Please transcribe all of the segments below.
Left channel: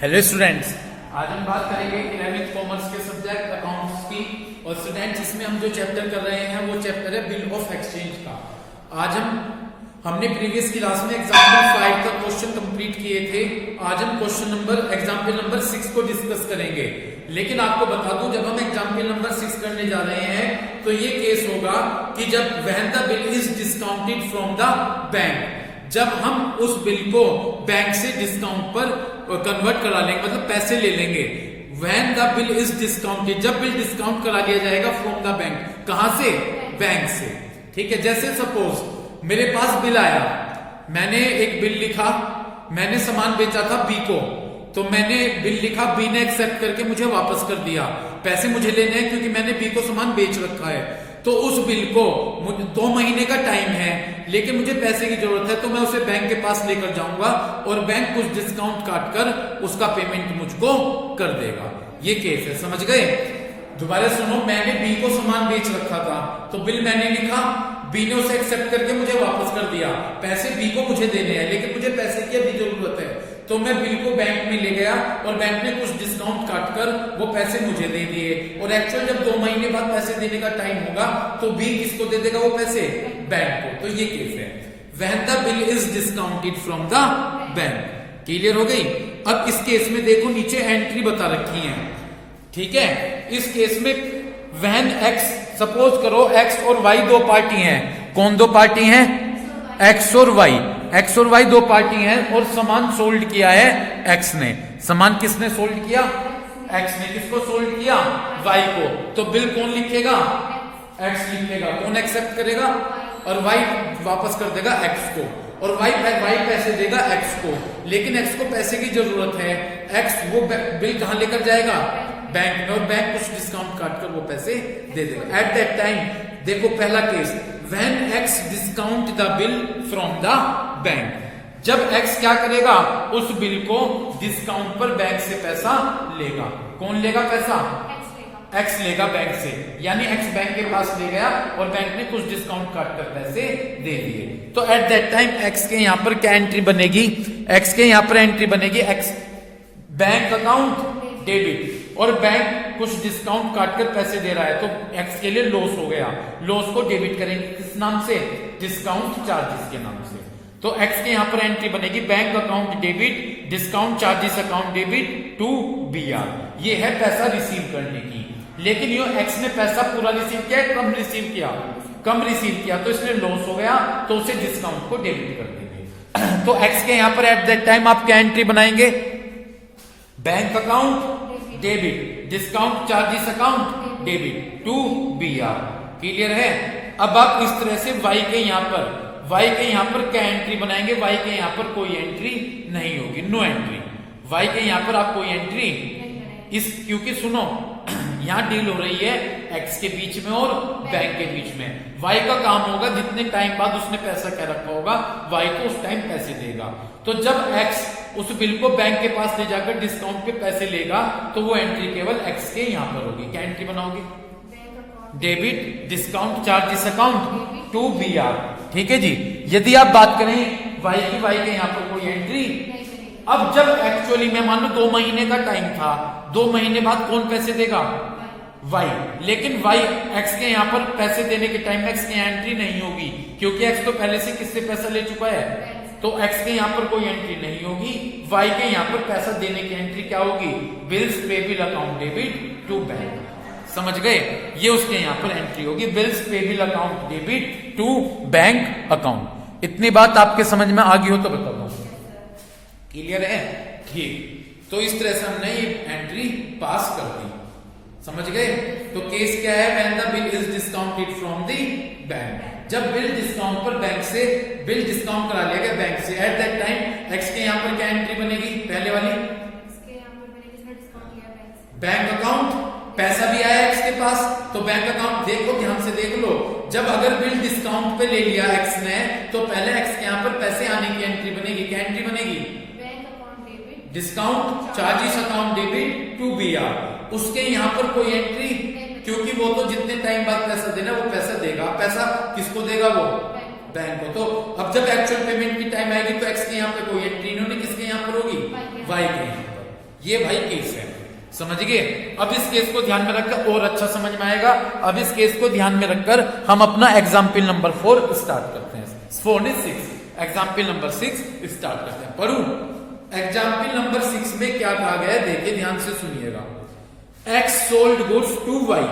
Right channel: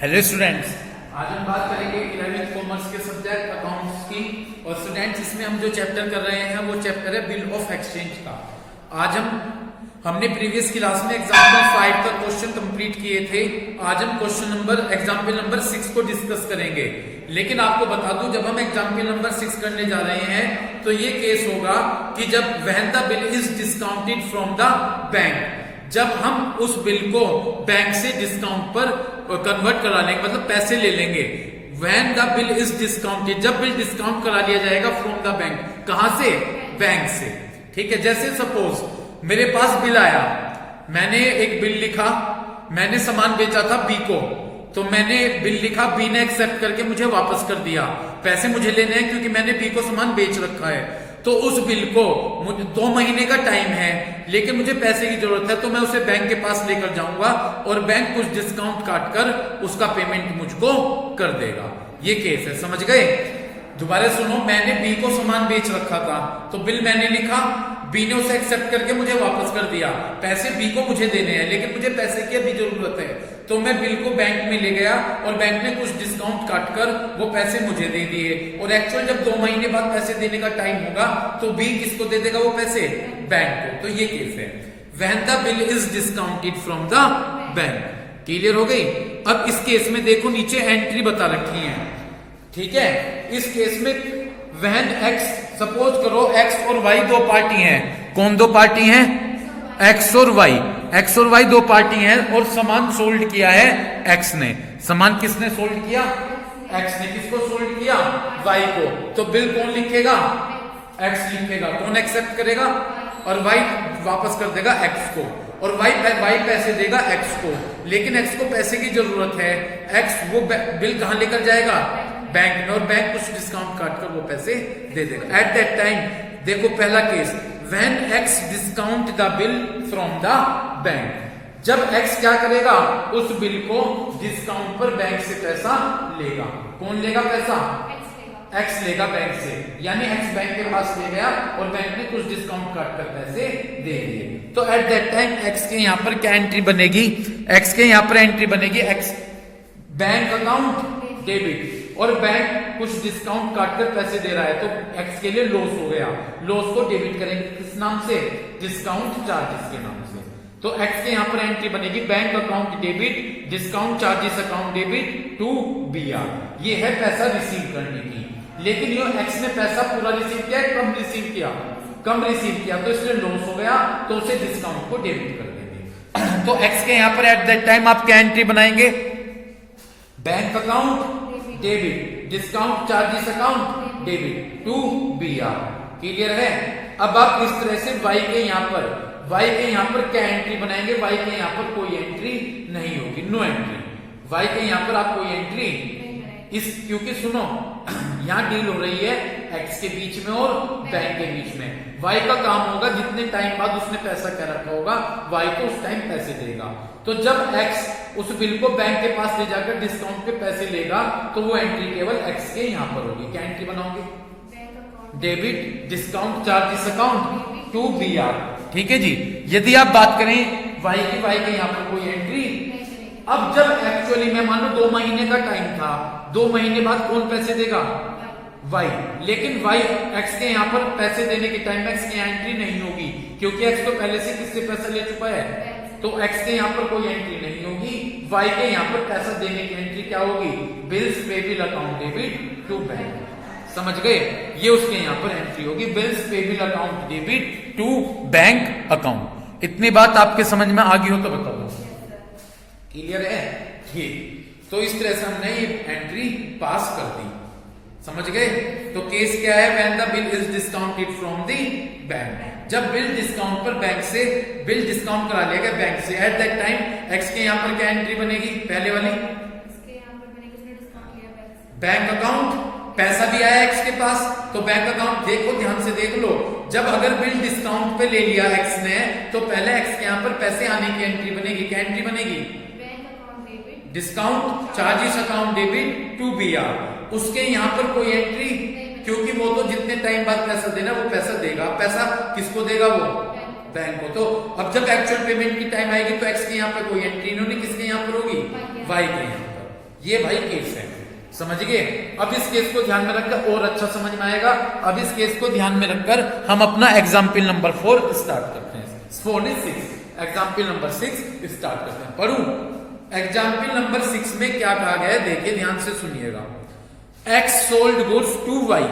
Hello students, आज हम बात करेंगे 11th कॉमर्स के सब्जेक्ट अकाउंट्स की। और स्टूडेंट्स, इसमें हम जो चैप्टर कर रहे हैं वो चैप्टर है बिल ऑफ एक्सचेंज का। आज हमने प्रीवियस क्लास में एग्जाम्पल 5 का क्वेश्चन कंप्लीट किए थे। आज हम एग्जाम्पल नंबर 6 को डिस्कस करेंगे। लेकिन आपको बता दूं, जब हम एग्जाम्पल नंबर 6 करने जा रहे हैं तो ये केस होगा कि जब when the bill is discounted from the bank, जब हम उस बिल को बैंक से डिस्काउंट पर कन्वर्ट करा लेंगे, मतलब पैसे ले लेंगे। When the bill is discounted, जब बिल डिस्काउंट करा लिया जाएगा फ्रॉम द बैंक, कहां से? बैंक से। ठीक है, जैसे सपोज मेरे पास बिल आया, मैंने एक बिल लिखा, मैंने सामान बेचा था बी को, तो मैंने बिल लिखा, बी ने एक्सेप्ट करके मुझे वापस कर दिया। पैसे मुझे लेने हैं क्योंकि मैंने बी को सामान बेच रखा है। तो उस बिल को मुझे 2 महीने का टाइम है, लेकिन मुझे पैसे की जरूरत है, तो मैं उसे बैंक के पास लेकर जाऊंगा और बैंक कुछ डिस्काउंट काटकर उसका पेमेंट मुझको कर देगा। ये केस है, समझ गए? दोबारा सुनो, मैंने बी को सामान बेच रखा था, तो बिल मैंने लिखा, बी ने उसे एक्सेप्ट करके मुझे वापस कर दिया। पैसे बी को मुझे देने हैं, लेकिन मुझे पैसे की अभी जरूरत है, तो मैं बिल को बैंक में ले गया और बैंक ने कुछ डिस्काउंट काटकर वो पैसे मुझे दे दिए। और एक्चुअल जब 2 महीने बाद पैसे देने का टाइम होगा तो बी किसको दे देगा वो पैसे? बैंक को। तो ये केस है when the bill is discounted from the bank. Clear हो गई? अब इस केस में देखो, नीचे एंट्री बता रखी है। ठीक है, इस केस में व्हेन एक्स, सपोज करो एक्स और वाई 2 पार्टी हैं। कौन 2 पार्टी हैं? एक्स और वाई। एक्स और वाई 2 पार्टी हैं और सामान सोल्ड किया है एक्स ने। सामान किसने सोल्ड किया? एक्स ने। किसको सोल्ड किया? वाई को। तो बिल कौन लिखेगा? एक्स लिखेगा। कौन एक्सेप्ट करेगा? और वाई वापस कर देगा एक्स को। और वाई पैसे देगा एक्स को, लेकिन एक्स को पैसे की जरूरत है। एक्स वो बिल कहां लेकर जाएगा? बैंक में, और बैंक कुछ डिस्काउंट काटकर वो पैसे दे देगा। एट दैट टाइम देखो पहला case, when x discount the bill from the bank, जब एक्स क्या करेगा? उस बिल को डिस्काउंट पर बैंक से पैसा लेगा। कौन लेगा पैसा? एक्स लेगा बैंक से। यानी एक्स बैंक के पास ले गया और बैंक ने कुछ डिस्काउंट काटकर पैसे दे दिए। तो एट दैट टाइम एक्स के यहां पर क्या एंट्री बनेगी? एक्स के यहां पर एंट्री बनेगी एक्स बैंक अकाउंट डेबिट, और बैंक कुछ डिस्काउंट काटकर पैसे दे रहा है, तो एक्स के लिए लॉस हो गया। लॉस को डेबिट करेंगे किस नाम से? डिस्काउंट चार्जेस के नाम से। तो एक्स के यहां पर एंट्री बनेगी bank account debit, discount charges account debit to B R. ये है पैसा रिसीव करने की। लेकिन यो एक्स ने पैसा पूरा रिसीव किया, कम रिसीव किया? कम रिसीव किया, तो इसलिए लॉस हो गया, तो उसे डिस्काउंट को डेबिट कर देंगे। तो एक्स के यहां पर एट दैट टाइम आप क्या एंट्री बनाएंगे? Bank account debit, discount charges account debit to B R. Clear है? अब आप इस तरह से y के यहां पर क्या एंट्री बनाएंगे? y के यहां पर कोई एंट्री नहीं होगी, नो एंट्री। y के यहां पर आप कोई एंट्री क्योंकि सुनो, यहां डील हो रही है x के बीच में और बैंक के बीच में। y का काम होगा, जितने टाइम बाद उसने पैसा क्या रखा होगा, y को उस टाइम पैसे देगा। तो जब x उस बिल को बैंक के पास ले जाकर डिस्काउंट के पैसे लेगा, तो वो एंट्री केवल x के यहां पर होगी। क्या एंट्री बनाओगे? Debit, discount charges account to B R. ठीक है जी। यदि आप बात करें y के यहां पर कोई एंट्री, अब जब एक्चुअली में मान लो 2 महीने का टाइम था, 2 महीने बाद कौन पैसे देगा? y। लेकिन y x के यहां पर पैसे देने के टाइम x की एंट्री नहीं होगी, क्योंकि x तो पहले से किससे पैसा ले चुका है, तो x के यहां पर कोई एंट्री नहीं होगी। y के यहां पर पैसा देने की एंट्री क्या होगी? Bills payable account debit to bank. समझ गए? ये उसके यहां पर एंट्री होगी, bills payable account debit to bank account. इतनी बात आपके समझ में आ गई हो तो बताओ। क्लियर है? ठीक। तो इस तरह से हमने एंट्री पास कर दी। समझ गए? तो केस क्या है? When the bill is discounted from the bank, जब बिल डिस्काउंट पर बैंक से बिल डिस्काउंट करा लिया गया बैंक से। एट दैट टाइम एक्स के यहां पर क्या एंट्री बनेगी? पहले वाली बैंक अकाउंट, पैसा भी आया एक्स के पास, तो बैंक अकाउंट देखो, ध्यान से देख लो। जब अगर बिल डिस्काउंट पे ले लिया एक्स ने, तो पहले एक्स के यहां पर पैसे आने की एंट्री बनेगी। क्या एंट्री बनेगी? Discount charges account debit to B R. उसके यहां पर कोई एंट्री, क्योंकि वो तो जितने टाइम बाद पैसा देना वो पैसा देगा। पैसा किसको देगा? वो बैंक को। तो अब जब एक्चुअल पेमेंट की टाइम आएगी तो एक्स के यहां पर कोई एंट्री नहीं होगी, किसके यहां पर होगी? वाई के यहां पर। ये भाई केस है, समझ गए। अब इस केस को ध्यान में रखकर और अच्छा समझ में आएगा। अब इस केस को ध्यान में रखकर हम अपना एग्जाम्पल नंबर 4 स्टार्ट करते हैं। 4 एग्जाम्पल नंबर 6 स्टार्ट करते हैं। पढ़ू एग्जाम्पल नंबर 6 में क्या कहा गया है, देखिए ध्यान से सुनिएगा। X sold goods to Y,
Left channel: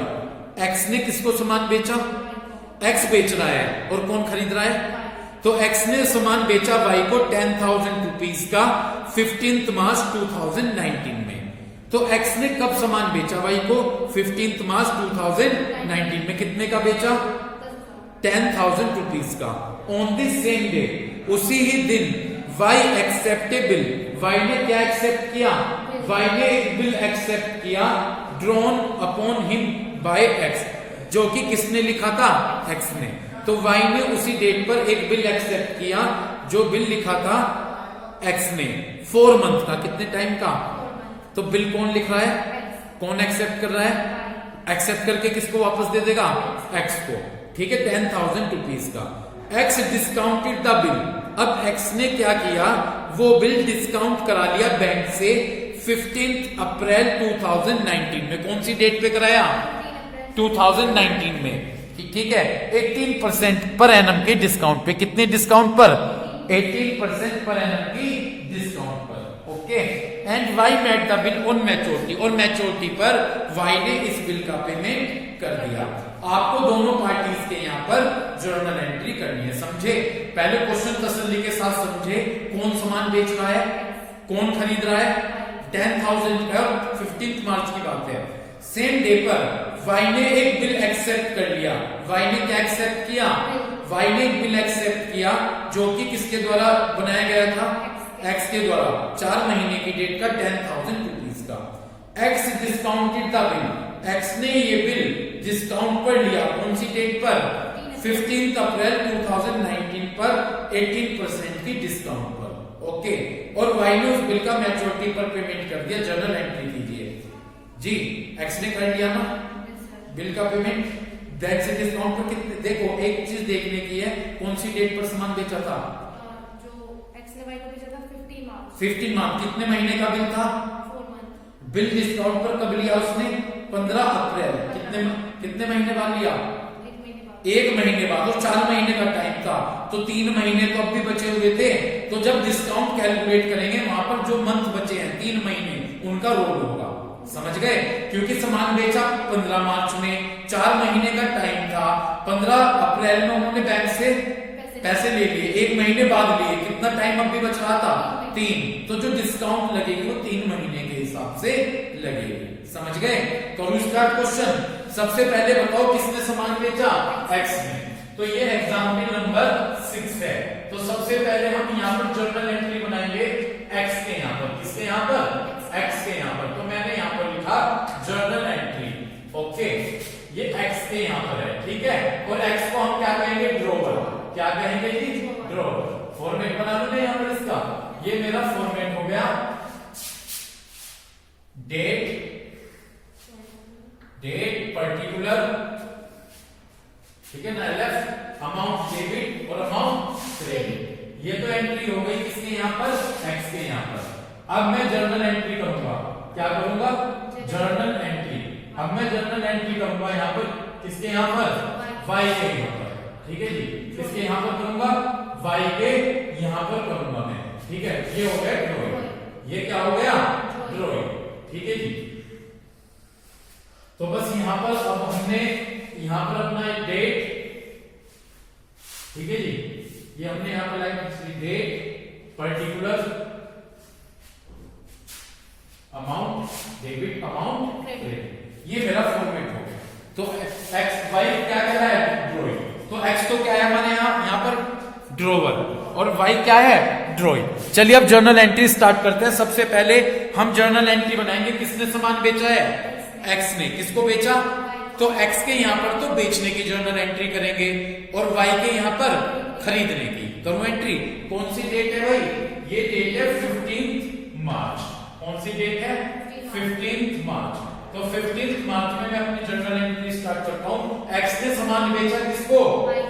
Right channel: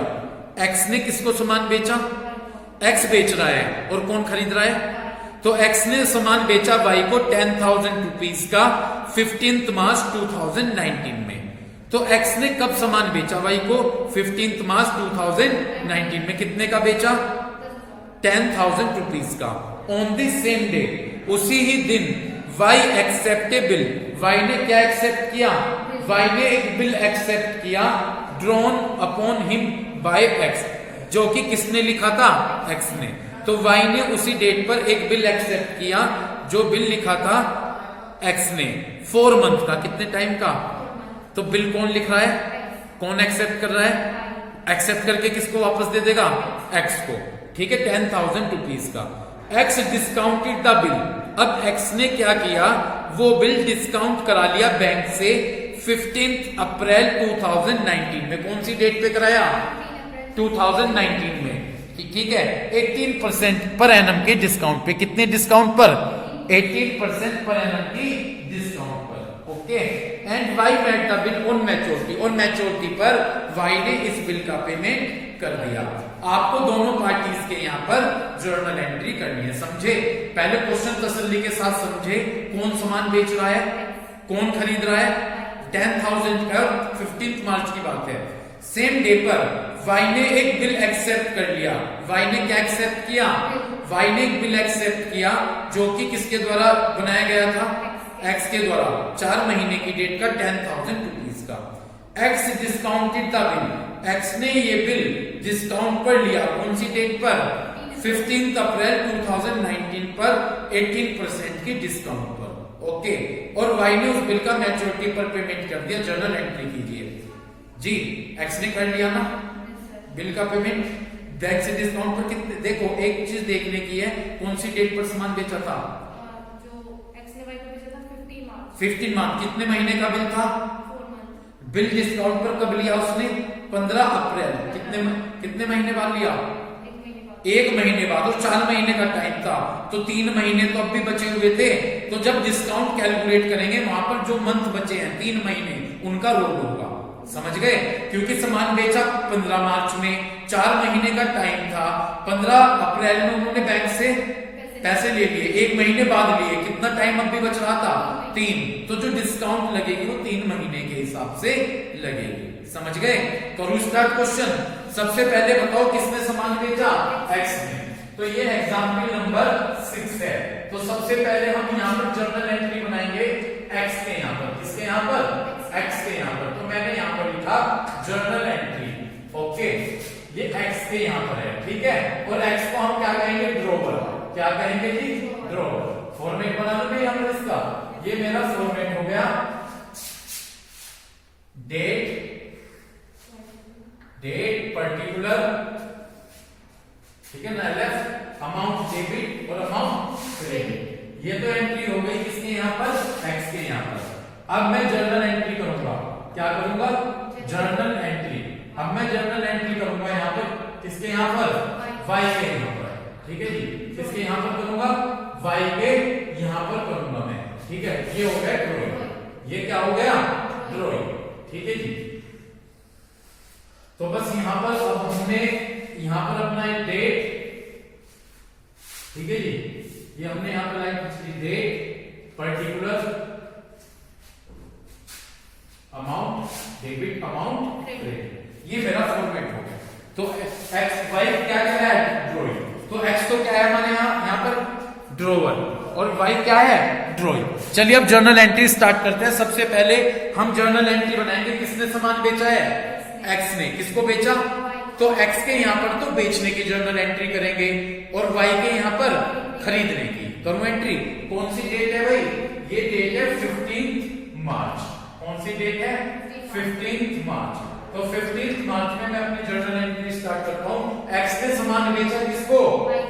X ने किसको सामान बेचा, एक्स बेच रहा है और कौन खरीद रहा है, तो एक्स ने सामान बेचा वाई को 10,000 रुपीज का 15 मार्च 2019 में। तो एक्स ने कब सामान बेचा वाई को, 15 मार्च 2019 में। कितने का बेचा, 10,000 रुपीज का। ऑन द सेम डे, उसी ही दिन वाई एक्सेप्टेबल, वाई ने क्या एक्सेप्ट किया, वाई ने एक बिल एक्सेप्ट किया drawn upon him by x, जो कि किसने लिखा था, एक्स ने। तो वाई ने उसी डेट पर एक बिल एक्सेप्ट किया, जो बिल लिखा था एक्स ने 4 मंथ का, कितने टाइम का। तो बिल कौन लिख रहा है, कौन एक्सेप्ट कर रहा है, एक्सेप्ट करके किसको वापस दे देगा, एक्स को, ठीक है, 10,000 रुपीज का। एक्स डिस्काउंटेड द बिल, अब एक्स ने क्या किया, वो बिल डिस्काउंट करा लिया बैंक से 15 अप्रैल 2019 में। कौन सी डेट पे कराया, 2019 में, ठीक है। 18% पर एनम के डिस्काउंट पे, कितने डिस्काउंट पर, 18% पर एनम की डिस्काउंट पर, okay. And Y paid the bill on maturity, और मैच्योरिटी पर वाई ने इस बिल का पेमेंट कर दिया। आपको दोनों पार्टीज के यहाँ पर जर्नल एंट्री करनी है, समझे। पहले क्वेश्चन तसल्ली के साथ समझे, कौन सामान बेच रहा है, कौन खरीद रहा है, 10,000 का, 15 मार्च की बात है। सेम डे पर वाई ने एक बिल एक्सेप्ट कर लिया, वाई ने क्या एक्सेप्ट किया, वाई ने एक बिल एक्सेप्ट किया, जो कि किसके द्वारा बनाया गया था, एक्स के द्वारा, 4 महीने की डेट का 10,000 रुपीज का। X discounted the bill, x ने ये बिल डिस्काउंट पर लिया, कौन सी डेट पर, 15 अप्रैल 2019 पर 18% की डिस्काउंट पर, ओके। और वाई ने उस बिल का मैच्योरिटी पर पेमेंट कर दिया, जर्नल एंट्री कीजिए जी। एक्स ने कर लिया ना बिल का पेमेंट, बैंक से डिस्काउंट पर कितने, देखो एक चीज देखने की है, कौन सी डेट पर सामान बेचा था, जो एक्स ने वाई को बेचा था 15 मार्च, कितने महीने का बिल था, 4 मंथ। बिल डिस्काउंट पर कब लिया उसने, 15 अप्रैल, कितने महीने बाद लिया, 1 महीने बाद, और 4 महीने का टाइम था, तो 3 महीने तो अब भी बचे हुए थे। तो जब डिस्काउंट कैलकुलेट करेंगे, वहां पर जो मंथ बचे हैं 3 महीने, उनका रोल होगा, समझ गए। क्योंकि सामान बेचा 15 मार्च में, 4 महीने का टाइम था, 15 अप्रैल में उन्होंने बैंक से पैसे ले लिए, 1 महीने बाद लिए, कितना टाइम अब भी बच रहा था, 3। तो जो डिस्काउंट लगेगी वो 3 महीने के हिसाब से लगेगी, समझ गए। करूं स्टार्ट क्वेश्चन। सबसे पहले बताओ किसने सामान बेचा, एक्स ने। तो ये एग्जाम्पल नंबर 6 है। तो सबसे पहले हम यहाँ पर जर्नल एंट्री बनाएंगे एक्स के यहाँ पर, किसके यहाँ पर, एक्स के यहाँ पर। तो मैंने यहाँ पर लिखा जर्नल एंट्री, ओके। ये एक्स के यहाँ पर है, ठीक है। और एक्स को हम क्या कहेंगे, ड्रॉवर, क्या कहेंगे जी, ड्रॉवर। फॉर्मेट बना दूं मैं यहाँ पर इसका, ये मेरा फॉर्मेट हो गया, डेट पर्टिकुलर, ठीक है ना, एलएफ, अमाउंट डेबिट और अमाउंट क्रेडिट। ये तो एंट्री हो गई किसके यहाँ पर, एक्स के यहाँ पर। अब मैं जर्नल एंट्री करूंगा, क्या करूंगा, जर्नल एंट्री। अब मैं जर्नल एंट्री करूंगा यहाँ पर, किसके यहाँ पर, वाई के यहाँ पर, ठीक है जी। किसके यहाँ पर करूंगा, वाई के यहाँ पर करूंगा मैं, ठीक है। ये हो गया ड्रॉइंग, ये क्या हो गया, ड्रॉइंग, ठीक है जी। तो बस यहां पर अब हमने यहां पर अपना एक डेट, ठीक है जी, ये हमने यहां पर like date particular amount debit amount credit, ये मेरा फॉर्मेट हो गया। तो एक्स वाई क्या कह रहा है, ड्रॉइंग। तो एक्स तो क्या है हमारे यहाँ पर ड्रॉवर, और वाई क्या है, ड्रॉइंग। चलिए अब जर्नल एंट्री स्टार्ट करते हैं। सबसे पहले हम जर्नल एंट्री बनाएंगे, किसने सामान बेचा है, एक्स ने। किसको बेचा, तो एक्स के यहाँ पर तो बेचने की जर्नल एंट्री करेंगे, और वाई के यहाँ पर खरीदने की। करूं एंट्री, कौन सी डेट है भाई, ये डेट है 15 मार्च। कौन सी डेट है, 15 मार्च। तो 15 मार्च में मैं अपनी जर्नल एंट्री स्टार्ट करता हूं। एक्स ने सामान बेचा किसको,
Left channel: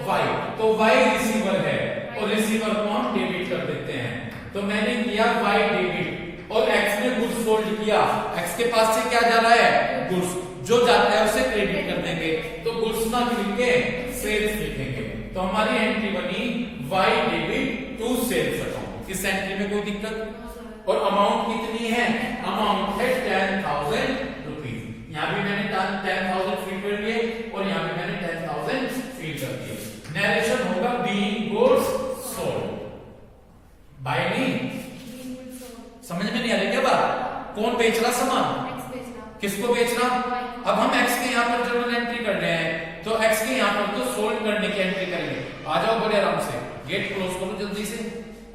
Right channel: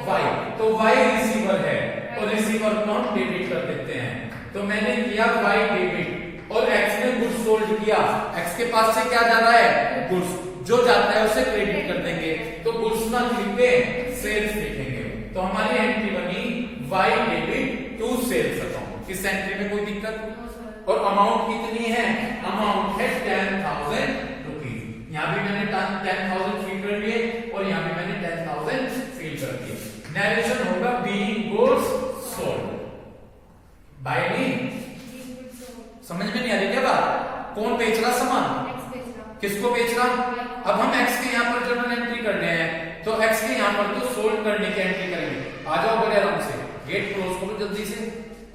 वाई, तो वाई रिसीवर है, और रिसीवर को हम डेबिट कर देते हैं। तो मैंने किया वाई डेबिट, और एक्स ने गुड्स सोल्ड किया, एक्स के पास से क्या जा रहा है, गुड्स, जो जाता है उसे क्रेडिट कर देंगे, तो गुड्स ना लिख के सेल्स लिखेंगे। तो हमारी एंट्री बनी Y debit to sales account. इस एंट्री में कोई दिक्कत? और अमाउंट कितनी है, अमाउंट है 10,000 रुपीज। यहाँ भी मैंने 10,000 फील कर लिए और यहाँ भी मैंने 10,000 फील कर दिए। नरेशन होगा बीइंग गुड्स सोल्ड बाय मी। समझ में नहीं आ रही क्या बात? कौन बेच रहा सामान, किसको बेच रहा? अब हम एक्स के यहाँ पर जर्नल एंट्री कर रहे हैं, तो एक्स के यहाँ पर तो सोल्ड करने की एंट्री करेंगे। आ जाओ बड़े आराम से, गेट क्लोज करो जल्दी से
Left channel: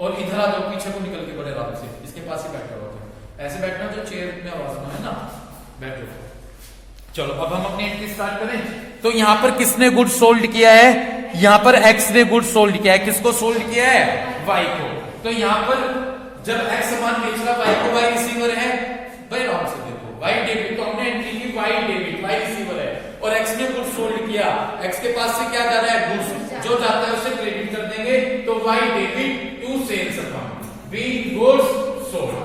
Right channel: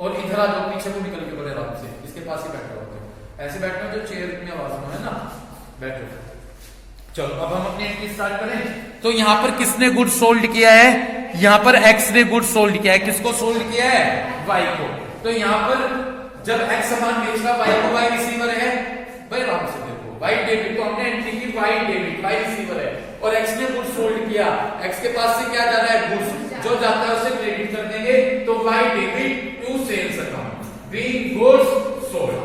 और इधर आ जाओ, पीछे को निकल के बड़े आराम से इसके पास ही बैठा होते, ऐसे बैठना जो चेयर में आवाज में है ना, बैठो। चलो अब हम अपनी एंट्री स्टार्ट करें। तो यहाँ पर किसने गुड सोल्ड किया है, यहाँ पर एक्स ने गुड सोल्ड किया है। किसको सोल्ड किया है, वाई को। तो यहाँ पर जब एक्स सामान बेच रहा, वाई को, वाई रिसीवर है, भाई आराम से देखो, वाई डेबिट, तो हमने एंट्री की वाई डेबिट, वाई रिसीवर है, और एक्स ने गुड सोल्ड किया, एक्स के पास से क्या जा रहा है, गुड्स, जो जाता है उसे क्रेडिट कर देंगे, तो Y debit to sales account being goods sold.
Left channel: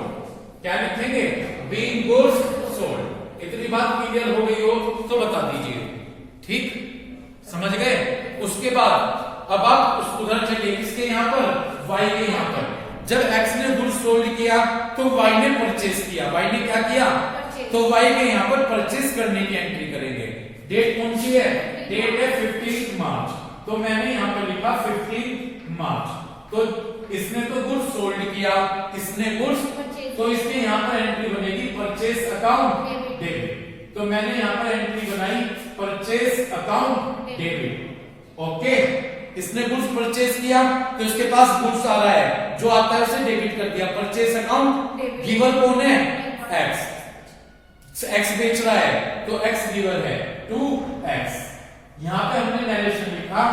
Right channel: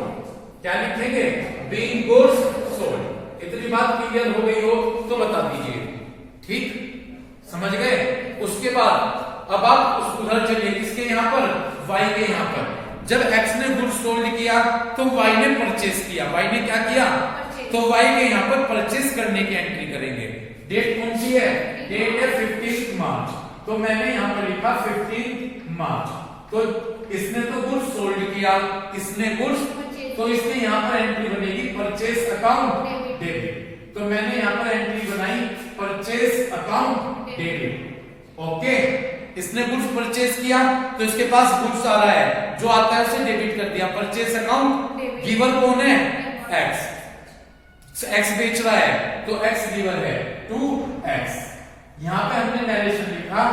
क्या लिखेंगे, बीइंग गुड्स सोल्ड। इतनी बात क्लियर हो गई हो तो बता दीजिए, ठीक, समझ गए? उसके बाद अब आप उस उधर चलिए, किसके यहाँ पर, वाई के यहाँ पर। जब एक्स ने गुड्स सोल्ड किया तो वाई ने परचेज किया, वाई ने क्या किया, तो वाई के यहाँ पर परचेज करने की एंट्री करेंगे। डेट कौन सी है, डेट है 15 मार्च, तो मैंने यहाँ पर लिखा 15 मार्च। तो इसने तो गुड्स सोल्ड किया, इसने गुड्स, तो इसमें यहाँ पर एंट्री बनेगी परचेज अकाउंट डेबिट। तो मैंने यहाँ पर एंट्री बनाई परचेज अकाउंट डेबिट। ओके, इसने गुड्स परचेज किया तो इसके पास गुड्स आ रहा है, जो आता है उसे डेबिट कर दिया, परचेज अकाउंट। गिवर कौन है, एक्स, एक्स बेच रहा है तो एक्स गिवर है, टू एक्स। यहां पे हमने नरेशन लिखा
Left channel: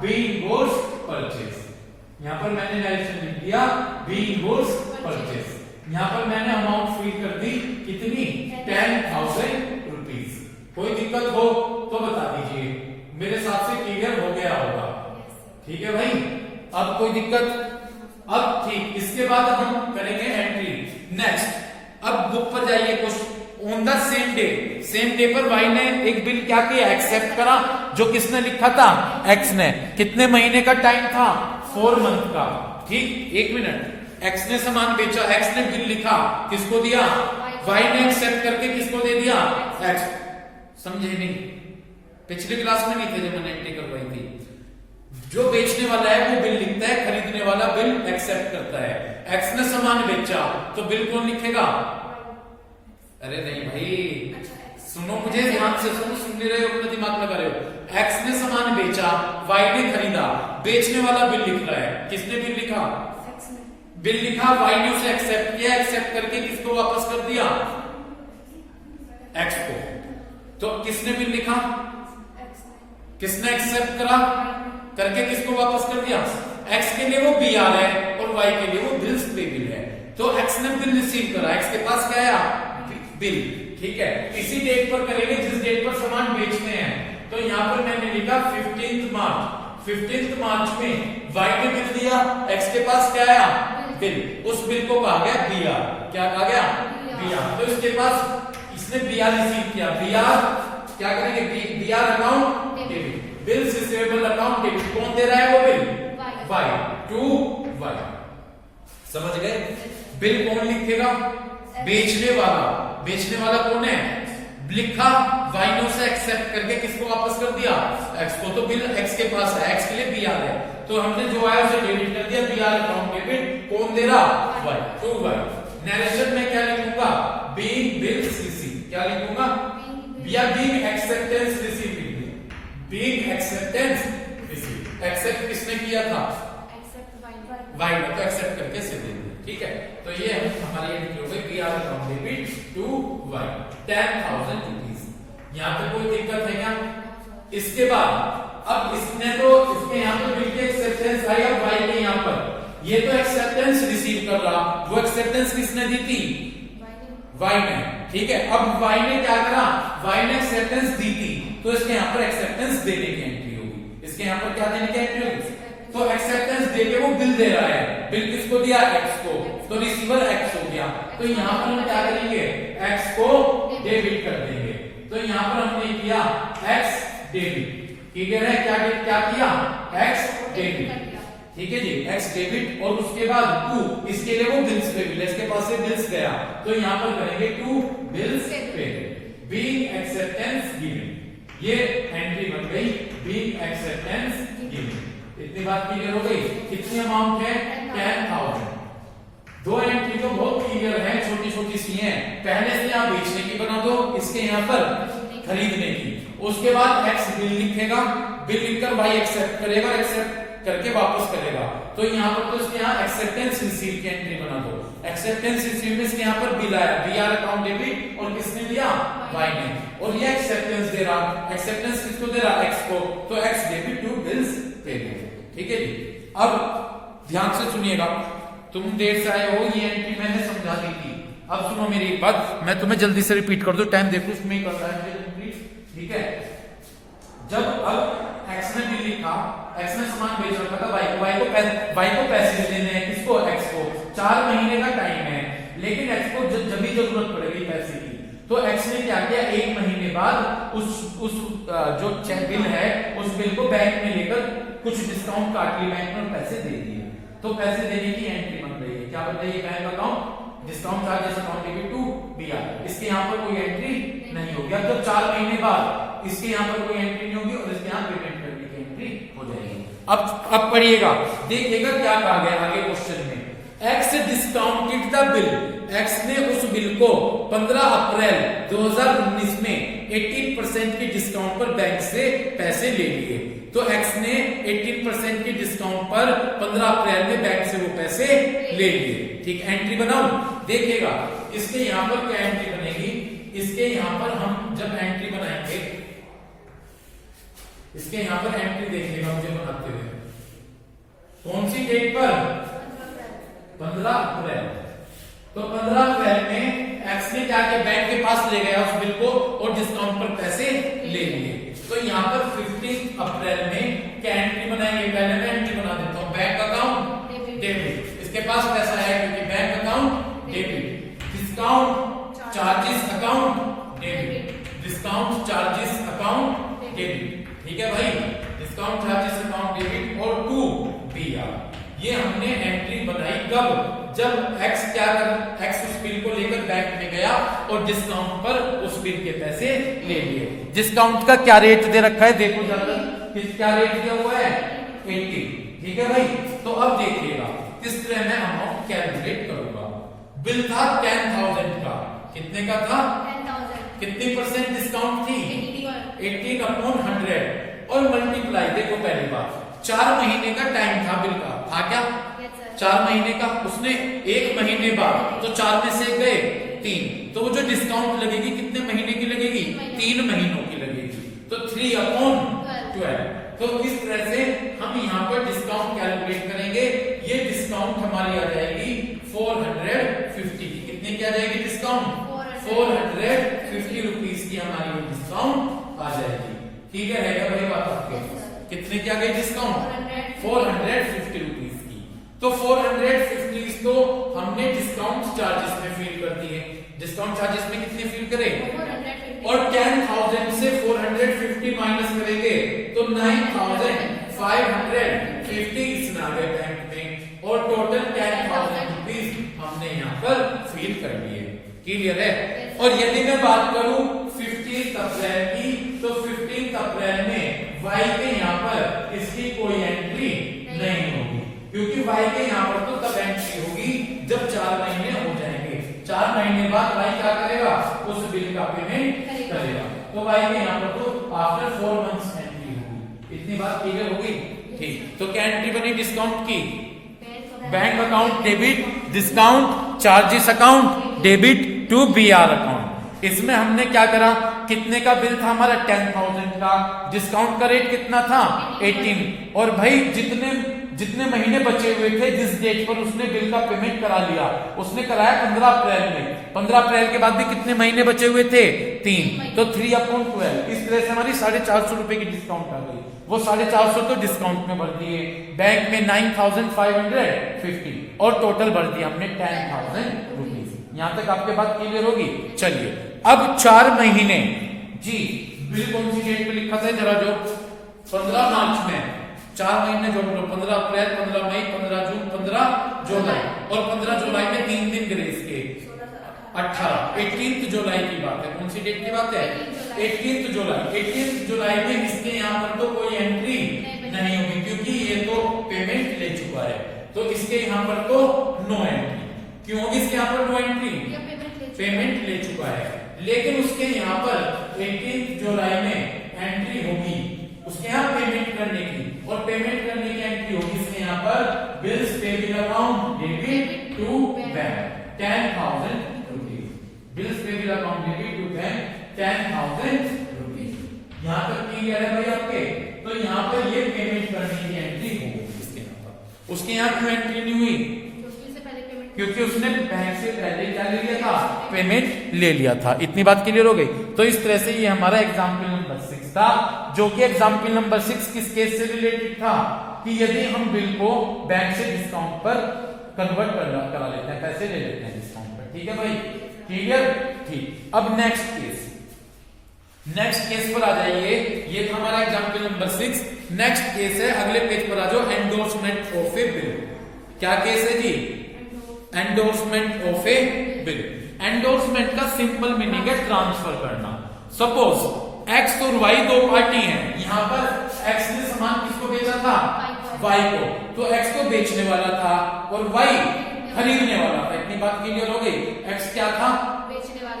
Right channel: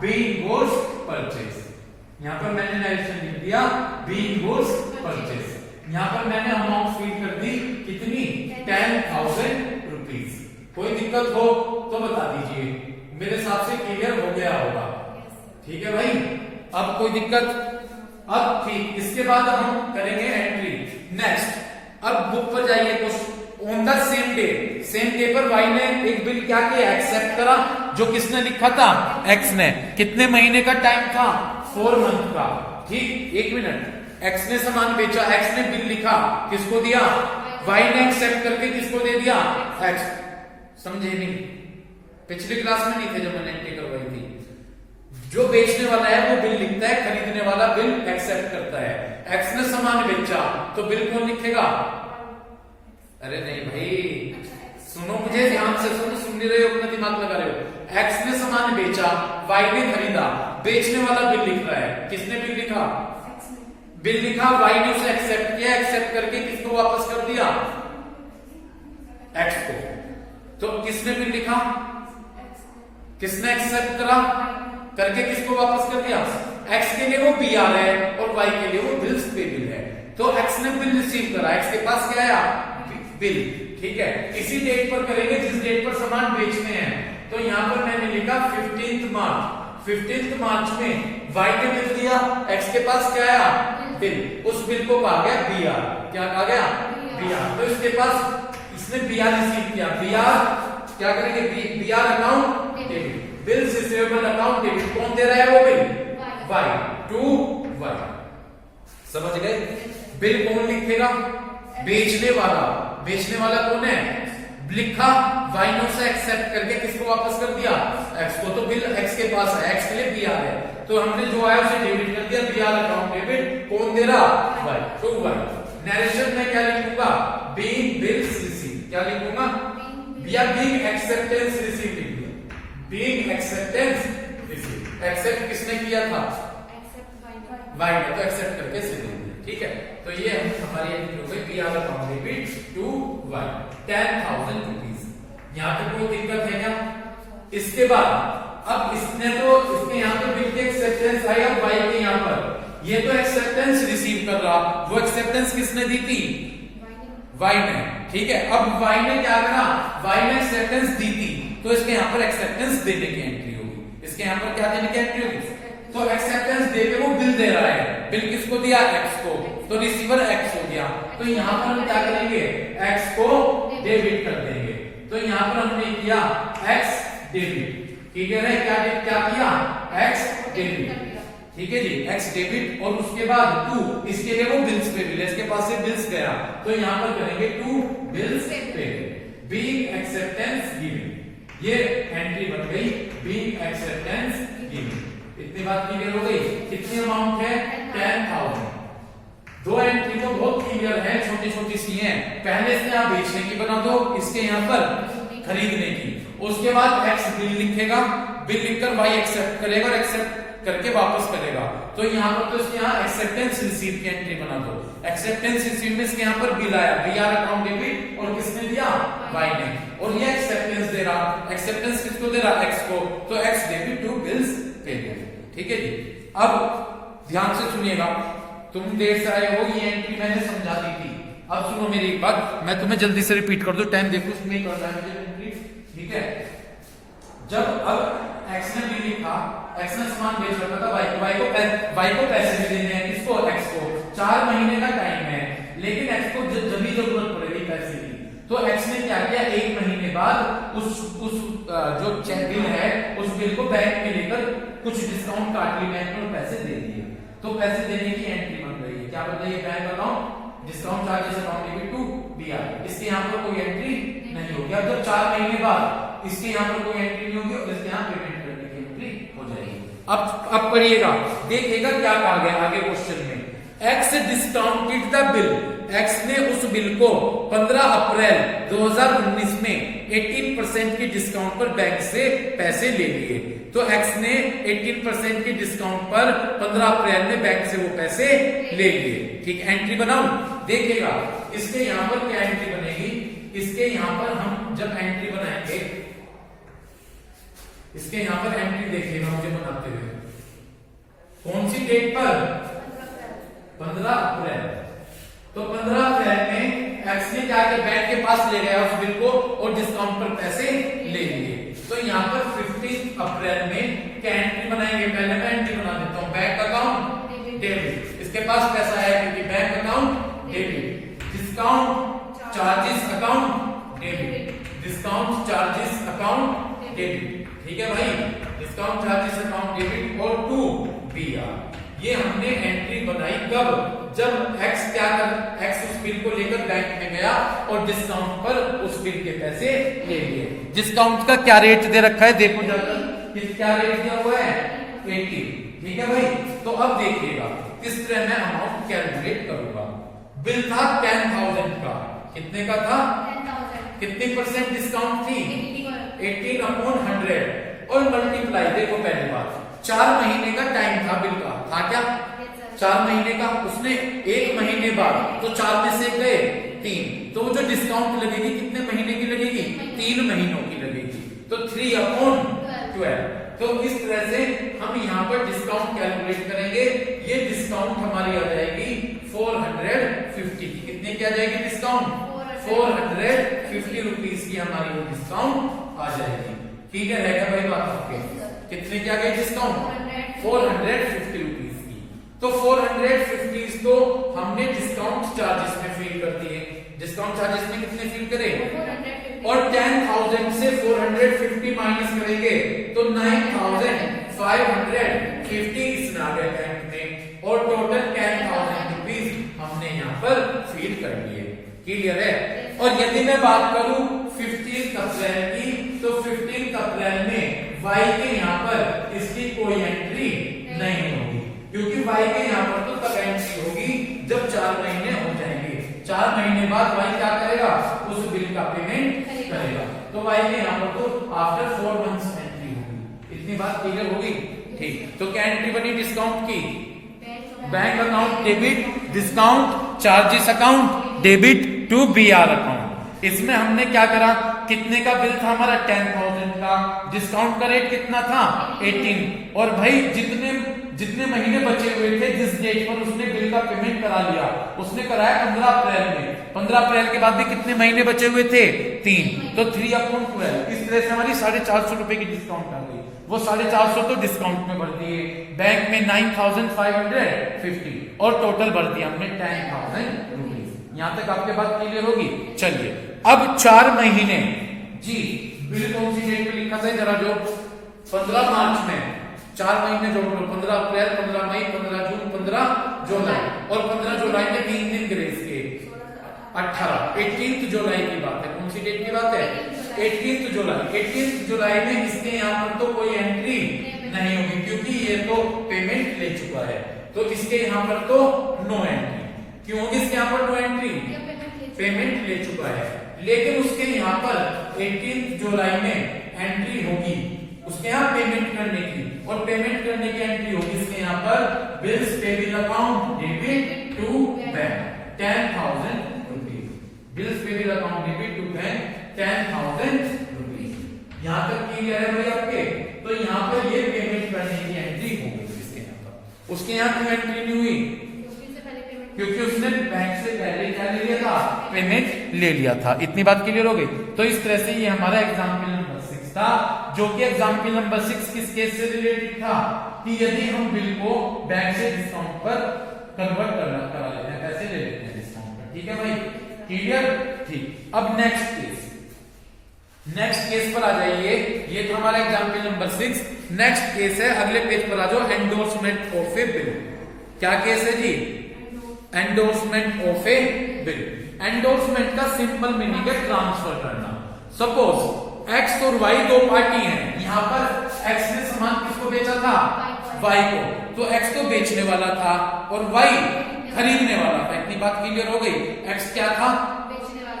बीइंग गुड्स परचेज, यहां पर मैंने नरेशन लिख दिया बीइंग गुड्स परचेज। यहां पर मैंने अमाउंट फिल कर दी, कितनी, 10,000 रुपीज। कोई दिक्कत हो तो बता दीजिए, मेरे हिसाब से क्लियर हो गया होगा, ठीक है भाई? अब कोई दिक्कत? अब ठीक, इसके बाद हम करेंगे एंट्री नेक्स्ट। अब बुक पर जाइए, question on the same day, same day पर वाई ने एक बिल क्या किया, एक्सेप्ट करा, जो किसने लिखा था, एक्स ने। कितने महीने का टाइम था, 4 मंथ का, ठीक। 1 मिनट, एक्स ने सामान बेचा, एक्स ने बिल लिखा, किसको दिया, वाई ने एक्सेप्ट करके किसको दे दिया, एक्स। समझे नहीं? पिछली क्लास में नहीं थे जब मैंने एंट्री करवाई थी। जो बेचने वाला है वो बिल लिखता है, खरीदने वाला बिल एक्सेप्ट करता है। एक्स ने सामान बेचा तो बिल कौन लिखेगा, अरे नहीं भाई, सुनो मुझे ध्यान से, सुन नहीं रहे हो, अपना दिमाग लगा रहे हो। एक्स ने सामान बेचा, वाई ने खरीदा, बेचने वाला बिल लिख रहा है, किसने बिल लिखा, बिल लिखा, वाई ने उसे एक्सेप्ट किया, एक्सेप्ट करके किसको वापस कर दिया, एक्स को। तो किसने बिल लिखा, किसने एक्सेप्ट करा, करके किसको वापस कर दिया, एक्स के लिए वो बी आर है और वाई के लिए वो बिल्स पेबल है। तो एक्स ने बिल रिसीव करा, एक्स के पास क्या आया, बिल, ठीक है। इसी डेट पर करेंगे जिस डेट पर सामान बेचते हैं। तो यहाँ पर मैंने लिखा 15 मार्च। 15 मार्च में वाई ने बिल दिया, एक्स के पास क्या आया, बिल। उस बिल को कहा गया बी आर। क्या कहा गया, बी आर। तो इसके पास इसने बी आर रिसीव किया, बी आर क्या करेंगे, B R account debit, bills receivable account debit. कौन दे रहा है वो बिल, वाई, टू वाई। समझ गए? बिल कौन लिखेगा, बेचने वाला। बेचने वाला कौन है, लिखा, वाई ने उसे एक्सेप्ट करके किसको वापस कर दिया, एक्स को। तो बिल एक्स के पास है, एक्स के लिए बी आर है, तो हमने जो है उसे डेबिट कर दिया, बी आर अकाउंट डेबिट। कौन दे रहा, वाई, टू वाई। नरेशन में क्या लिखूंगा, बीइंग बिल्स रिसीव। क्या लिखूंगा, बीइंग एक्सेप्टेंस रिसीव लिख दिया, बीइंग एक्सेप्टेंस रिसीव। एक्सेप्ट किसने किया था, वाई ने, तो एक्सेप्ट करके से दे दिया, ठीक है। तो ये हमारी एंट्री हो गई, B R account debit to Y, 10,000 rupees. यहाँ पे कोई दिक्कत है क्या? इसके बाद अब इसने तो इसके यहाँ तो बिल की एक्सेप्टेंस आई, अब वाई के यहाँ पर ये तो एक्सेप्टेंस रिसीव कर रहा, वो एक्सेप्टेंस किसने दी थी, वाई ने, ठीक है। अब वाई ने क्या करा, वाई ने एक्सेप्टेंस दी थी, तो इसके यहाँ पर एक्सेप्टेंस देने की एंट्री होगी। इसके यहाँ पर क्या देने की एंट्री होगी, तो एक्सेप्टेंस दे के वो बिल दे रहा है, बिल किसको दिया, एक्स को, तो रिसीवर एक्स हो गया। तो यहाँ पर हम क्या करेंगे, x को डेबिट कर देंगे। तो यहाँ पर हमने किया x डेबिट, ठीक है, क्या किया, x डेबिट, ठीक है जी, x डेबिट, और उसके बाद टू, इसके लिए वो बिल्स पे बिल, इसके पास से बिल्स गया, तो यहाँ पर करेंगे टू बिल्स पे, बीइंग एक्सेप्टेंस गिवन, ये एंट्री बन गई बीइंग एक्सेप्टेंस गिवन। इतनी बात क्लियर हो गई। कितनी अमाउंट है, 10,000। दो एंट्री तो बहुत क्लियर है, छोटी छोटी सी हैं। पहले से आप बेचने की बना दो, इसके यहाँ पर खरीदने की, उसके बाद x बिल लिखेगा, बिल लिखकर y एक्सेप्ट करेगा और एक्सेप्ट करके वापस करेगा। तो यहाँ पर तो इसके यहाँ एक्सेप्टेंस रिसीव की एंट्री बना दो। एक्सेप्टेंस रिसीव में इसके यहाँ पर बिल आया, बीआर अकाउंट डेबिट, और किसने दिया, y ने, और ये एक्सेप्टेंस दे रहा, एक्सेप्टेंस किसको दे रहा, x को, तो x debit to bills paid, ठीक है जी। अब ध्यान से सुनिएगा, तुम देर से आए हो, ये एंट्री मैंने समझा दी थी। अब सुनो मेरी एक बात, मैं तुम्हें जल्दी से रिपीट कर दूं, टाइम देखो इसमें कर रहा है एंट्री, ठीक है। जब अब x ने बिल लिखा, x ने सामान बेच रखा था y को पैसे देने हैं, किसको, x को, 4 महीने का टाइम है, लेकिन x को जब भी जरूरत पड़ेगी पैसे की, तो x ने क्या किया, 1 महीने बाद उस जो चेक बिल है, उस बिल को बैंक में लेकर कुछ डिस्काउंट काट ली बैंक ने और पैसे दे दिए। तो पैसे देने की एंट्री बन रही है, क्या बन रही है, bank account discount charges account debit to BR. इसके यहाँ पर कोई एंट्री नहीं होगी। अब जब 4 महीने बाद इसके यहाँ पर कोई एंट्री नहीं होगी और इसके यहाँ पेमेंट करने की एंट्री हो जाएगी। अब पढ़िएगा, देखिएगा क्या कहा गया आगे क्वेश्चन में, x discounted the bill, x ने उस बिल को 15 अप्रैल 2019 में 18% की डिस्काउंट पर बैंक से पैसे ले लिए। तो एक्स ने 18% की डिस्काउंट पर 15 अप्रैल में बैंक से वो पैसे ले लिए, ठीक है। एंट्री बनाऊं, देखिएगा इसके यहाँ पर क्या एंट्री बनेगी, इसके यहाँ पर हम जब एंट्री बनाएंगे, इसके यहाँ पर एंट्री देखिएगा मुझे बनाते हुए, कौन सी डेट पर, 15 अप्रैल। तो 15 अप्रैल में एक्स ने क्या किया, बैंक के पास ले गया उस बिल को और डिस्काउंट पर पैसे ले लिए। तो यहाँ पर 15 अप्रैल में क्या एंट्री बनाएंगे, पहले मैं एंट्री बना देता हूँ, बैंक अकाउंट डेबिट, इसके पास पैसा है क्योंकि bank account debit, discount charges account debit, discount charges account debit, ठीक है भाई, डिस्काउंट चार्जेस अकाउंट डेबिट और टू बीआर। ये हमने एंट्री बनाई कब, जब x क्या कर, x उस बिल को लेकर बैंक में गया और डिस्काउंट पर उस बिल के पैसे ले लिए। डिस्काउंट का क्या रेट दे रखा है, देखो जाकर, क्या रेट दिया हुआ है, 80, ठीक है भाई। तो अब देखिएगा किस तरह मैं अमाउंट कैलकुलेट करूंगा। बिल था 10,000 का, कितने का था, 10,000, कितनी परसेंट डिस्काउंट थी, 18 18/100 और मल्टीप्लाई, देखो पहली बात 4 महीने का टाइम था बिल का, था क्या, 4 महीने का, उसने 1 महीने बाद, तो 4 में से गए 3, तो वो जो डिस्काउंट लगेगी कितने महीने की लगेगी, 3 महीनों की लगेगी, तो 3/12। तो इस तरह से हम यहाँ पर डिस्काउंट कैलकुलेट करेंगे। ये डिस्काउंट हमारी आ जाएगी 450 की, कितने की आ जाएगी डिस्काउंट, 450 रुपीज की हमारी डिस्काउंट आ जाएगी। क्लियर है क्या भाई बात आपके, कितने की आ गई डिस्काउंट, 450 रुपीज की। तो 450 तो हमने डिस्काउंट चार्जेस में फील कर दिए, डिस्काउंट चार्जेस में कितने फील करें, और 10,000 से 450 माइनस करेंगे तो 9,550 इसमें आ गए बैंक में, और टोटल 10,000 रुपीज हमने यहाँ पर फील कर लिए। क्लियर है। और यदि मैं बात करूं 15 अप्रैल की, तो 15 अप्रैल में y के यहाँ पर इसकी कोई एंट्री नहीं होगी, क्योंकि y के यहाँ पर तो तब एंट्री होगी जब 4 महीने हो जाएंगे। 4 महीने बाद y क्या करेगा, उस बिल का पेमेंट करेगा, तो y के यहाँ पर तो आफ्टर 4 मंथ्स एंट्री होगी। इतनी बात क्लियर होगी, ठीक। तो क्या एंट्री बनी डिस्काउंट की, bank account debit, discount charges account debit to BR account. इसमें हमने क्या करा, कितने का बिल था हमारा, 10,000 का, डिस्काउंट का रेट कितना था, 18, और भाई जितने महीने बचे हुए थे जिस डेट पर उसने बिल का पेमेंट करा लिया, उसने कराया 15 अप्रैल में, 15 अप्रैल के बाद भी कितने महीने बचे हुए थे, 3, तो 3/12। इस तरह से हमारी 450 रुपए की डिस्काउंट आ गई। वो 450 तो डिस्काउंट में भर दिए, बैंक में 9,550 और टोटल भर दिया हमने 10,000 रुपीज। यहां तक आपके बात क्लियर होगी। चलिए अब 4 महीने जी बिल कौन सी डेट पे लिखा था जरा जो 15 मार्च में 4 महीने जोड़ लो 15 अप्रैल 15 मई 15 जून 15 जुलाई और 15 जुलाई में 3 दिन ग्रेस के 18 जुलाई की बात है। कौन सी डेट की बात है? 18 जुलाई में इसके यहाँ पर तो कोई एंट्री नहीं होगी क्योंकि ये तो पेमेंट ले चुका है, तो इसके यहाँ पर तो नो एंट्री। क्यों होगी इसके यहाँ पर नो एंट्री? पेमेंट ले चुका है। लेकिन उसके यहाँ पर 18 जुलाई में एंट्री होगी उसके यहाँ पेमेंट करने की, और पेमेंट करने की एंट्री होगी इसके यहाँ पर bills payable account debit to bank 10,000 rupees. Bills payable account debit to bank 10,000 rupees. यहाँ तक क्लियर है भाई आपके? तो यहाँ पर ये पेमेंट करने की एंट्री होगी इसके यहाँ पर। उसके यहाँ क्यों एंट्री नहीं हुई? क्योंकि उसने बैंक से पहले क्या ले लिया था? पेमेंट ले लिया था। इतनी बात क्लियर हो गई। तो इस तरह से ये हमारा एग्जाम्पल नंबर 6 था, जो कि एग्जाम्पल नंबर 6 किस केस से रिलेटेड था कि यदि हम बिल को बैंक से डिस्काउंट पर कन्वर्ट करा लेते हैं, पैसे ले लेते हैं डिस्काउंट पर। ठीक है भाई, क्लियर? ठीक। अब नेक्स्ट केस पर आ जाइए। ये था हमारा एग्जाम्पल नंबर 6। नेक्स्ट केस है, अगले पेज पर आ जाओ, एंडोर्समेंट ऑफ ए बिल। क्या केस है जी? Endorsement of a bill. Endorsement का सिंपल मीनिंग है ट्रांसफर करना। सपोज एक्स और वाई दो पार्टी हैं, यहाँ पर एक्स ने सामान किसको बेचा था? वाई को। तो एक्स तो बेचने वाला था और वाई खरीदने वाला था। इतनी बात क्लियर हो गई। एक्स क्या था?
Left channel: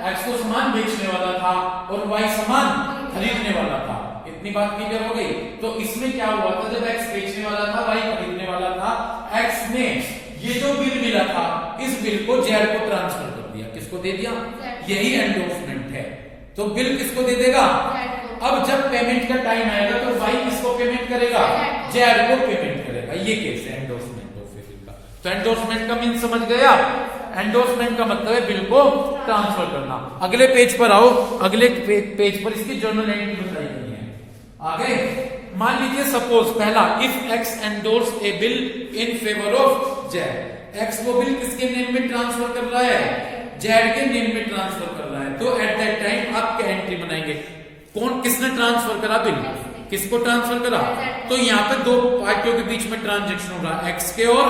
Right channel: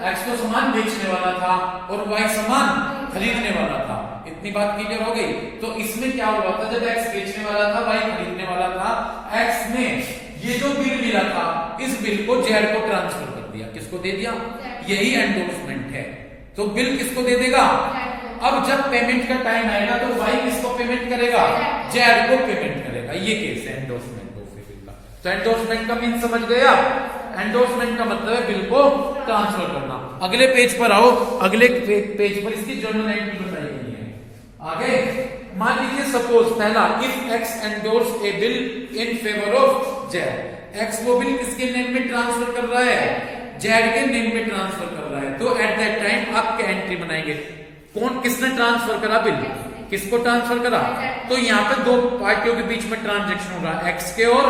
एक्स तो सामान बेचने वाला था और वाई सामान खरीदने वाला था। इतनी बात क्लियर हो गई। तो इसमें क्या हुआ था? जब एक्स बेचने वाला था, वाई खरीदने वाला था, एक्स ने ये जो बिल मिला था इस बिल को जेड को ट्रांसफर कर दिया। किसको दे दिया? यही एंडोर्समेंट है। तो बिल किसको दे देगा? अब जब पेमेंट का टाइम आएगा तो वाई किसको पेमेंट करेगा? जेड को पेमेंट करेगा। ये केस है एंडोर्समेंट ऑफ बिल का। तो एंडोर्समेंट का मीन समझ गया? एंडोर्समेंट का मतलब है बिल को ट्रांसफर करना। अगले पेज पर आओ। अगले पेज पर इसकी जर्नल एंट्री बताई गई है। आगे मान लीजिए सपोज पहला, if x endorse A bill in favour of Z. X वो बिल किसके नेम में ट्रांसफर कर रहा है? जेड के नेम में ट्रांसफर कर रहा है। तो एट दैट टाइम आप क्या एंट्री बनाएंगे? कौन किसने ट्रांसफर करा बिल? किसको ट्रांसफर करा? तो यहाँ पे दो पार्टियों के बीच में ट्रांजेक्शन हो रहा है, एक्स के और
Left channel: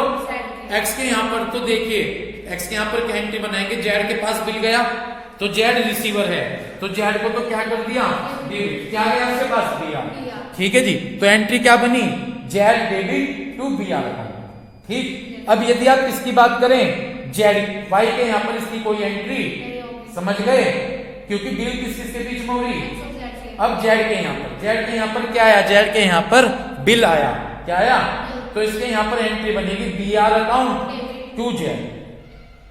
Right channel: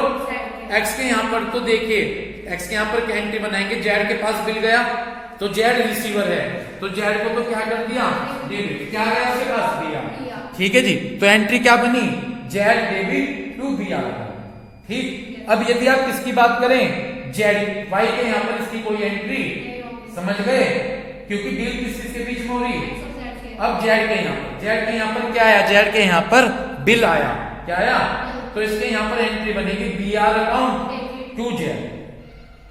एक्स के। यहाँ पर तो देखिए एक्स के यहाँ पर क्या एंट्री बनाएंगे? जेड के पास बिल गया तो जेड रिसीवर है, तो जेड को तो क्या कर दिया? डेबिट। क्या गया उसके पास? दिया। ठीक है जी। तो एंट्री क्या बनी? Z debit to B R account. ठीक। अब यदि आप इसकी बात करें जेड वाई के यहाँ पर इसकी कोई एंट्री, समझ गए? क्योंकि डील किस किसके बीच में हो रही? अब जेड के यहाँ पर क्या आया? जेड के यहाँ पर बिल आया। क्या आया? तो इसके यहाँ पर एंट्री बनेगी B R account to Z.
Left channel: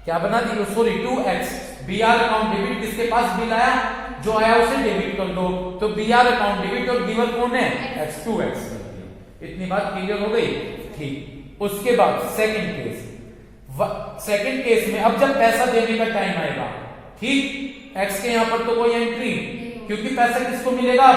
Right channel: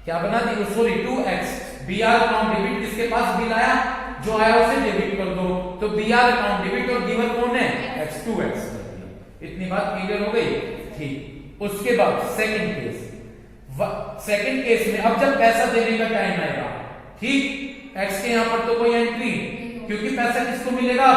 क्या बना दी? Sorry to X. B R account debit, किसके पास बिल आया? जो आया उसे डेबिट कर दो। तो बी आर अकाउंट डेबिट और गिवर कौन है? एक्स। टू एक्स कर दिया। इतनी बात क्लियर हो गई? ठीक। उसके बाद सेकंड केस में अब जब पैसा देने का टाइम आएगा, ठीक, एक्स के यहाँ पर तो कोई एंट्री, क्योंकि पैसा किसको मिलेगा?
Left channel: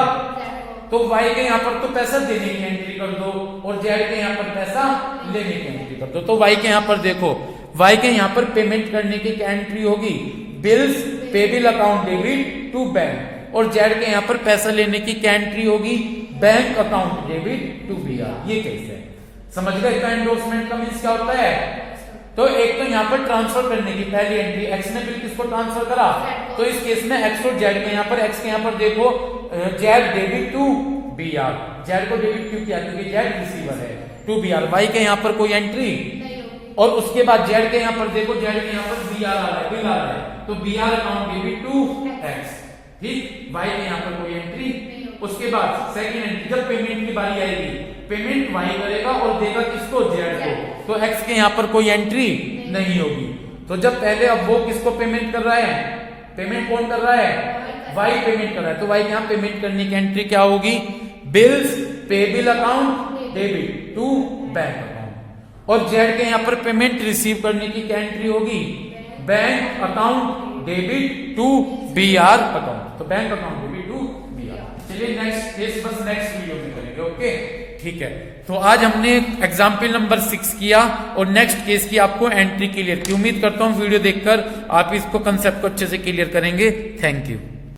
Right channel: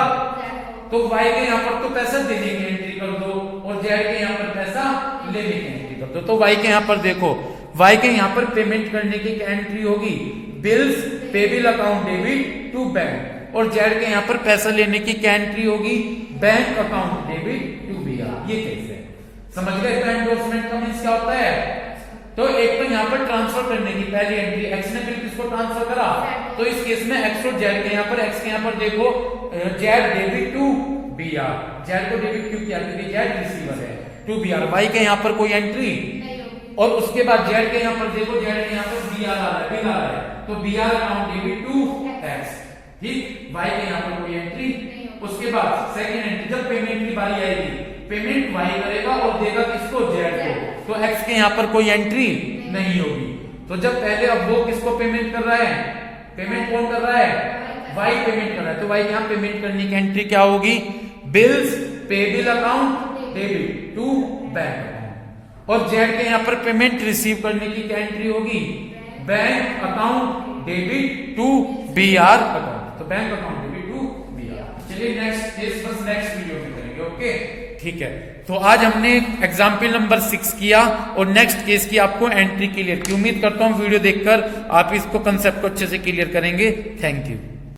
तो वाई के यहाँ पर तो पैसा देने की एंट्री कर दो और जेड के यहाँ पर पैसा लेने की एंट्री कर दो। तो वाई के यहाँ पर देखो, वाई के यहाँ पर पेमेंट करने की क्या एंट्री होगी? Bills payable account debit to bank. और जेड के यहाँ पर पैसा लेने की क्या एंट्री होगी? Bank account debit to B R. ये कैसे है? समझ गए? तो एंडोर्समेंट का मीन्स क्या होता है? तो एक तो यहाँ पर ट्रांसफर करने की पहली एंट्री, एक्स ने बिल किसको ट्रांसफर करा? तो इस केस में एक्स और जेड के यहाँ पर, एक्स के यहाँ पर देखो Z debit to B R. Z को डेबिट क्यों किया? क्योंकि जेड रिसीवर है। To B R. वाई के यहाँ पर कोई एंट्री, और उसके बाद जेड के यहाँ पर देखो, जेड के यहाँ पर बी आर आ रहा है, बिल आ रहा है, तो B R account debit to X. ठीक। वाई के यहाँ पर कोई एंट्री। उसके बाद सेकंड एंट्री, जब पेमेंट की बारी आएगी, पेमेंट वाई करेगा और देगा किसको? जेड को। तो एक्स के यहाँ पर कोई एंट्री नहीं होगी। तो जब पहले, अब वो किसको पेमेंट कर रहा है? पेमेंट कौन कर रहा है? वाई पेमेंट कर रहा है। तो वाई यहाँ पेमेंट करने की एंट्री क्या होगी? Bills payable account debit to bank account. और जेड के यहाँ पर पेमेंट रिसीव करने की क्या एंट्री होगी? Bank account debit to B R account. तो bank account debit to B R. चलिए नेक्स्ट केस बस नेक्स्ट वीडियो में करेंगे। ओके, ठीक है। तो आज हमने एग्जाम्पल नंबर 6 किया और नेक्स्ट केस की आपको एंट्री क्लियर की। उम्मीद करता हूँ वीडियो देखकर आप इसको कंसेप्ट को अच्छे से क्लियर करेंगे। Thank you.